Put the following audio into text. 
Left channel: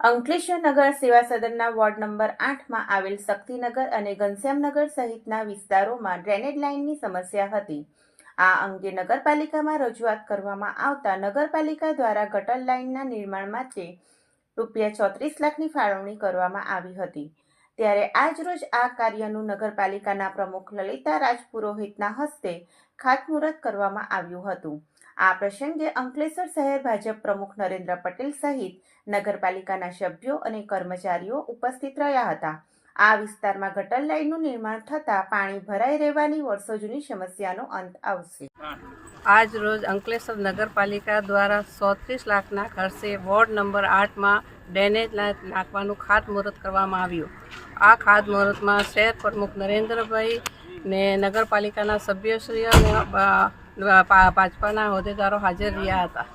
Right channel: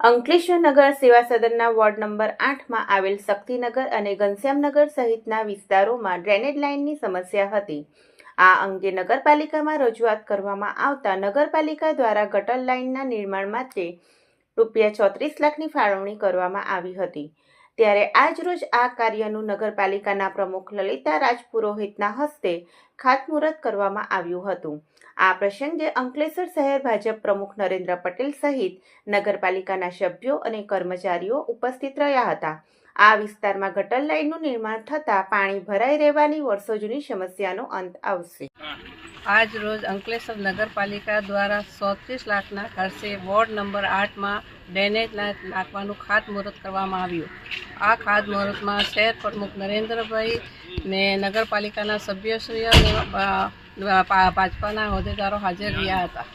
અંકલેશ્વર નગર સેવા સદનના ward number 8માં આવેલ શક્તિનગર અને ઘનશ્યામનગર સહિતના વિસ્તારોમાં ડ્રેનેજ લાઇનની સમસ્યા હતી। આ અંગે નગરપાલિકામાં રજૂઆત કરવામાં આવતા નગરપાલિકા દ્વારા ગટર લાઇનના નિર્માણ માટે ₹34 લાખની ફાળવણી કરવામાં આવી હતી। ત્યારે આજરોજ આ કાર્યનું નગરપાલિકાના પ્રમુખ લલિતા રાજપુરોહિતના હસ્તે ખાતમુહૂર્ત કરવામાં આવ્યું હતું। આ પ્રસંગે અંકલેશ્વર શહેર ભાજપ પ્રમુખ નરેન્દ્ર પટેલ સહિત નગરપાલિકાના સભ્યો અને કર્મચારીઓ ઉપસ્થિત રહ્યા હતા। આ વિસ્તારમાં ગટર લાઇનનું નિર્માણ થતાં પાણી ભરાઈ રહેવાની વર્ષો જૂની સમસ્યાનો અંત આવશે। આજ રોજ અંકલેશ્વર નગરપાલિકા દ્વારા 34 લાખના ખર્ચે વોર્ડ નંબર 8માં ડ્રેનેજ લાઇન નાખવાનું ખાતમુહૂર્ત કરવામાં આવ્યું। આ ખાતમુહૂર્તમાં શહેર પ્રમુખ નરેન્દ્રભાઈ ને નગરપાલિકાના સભ્યશ્રીઓ અને ભાજપાના હોદ્દેદારો હાજર રહ્યા હતા।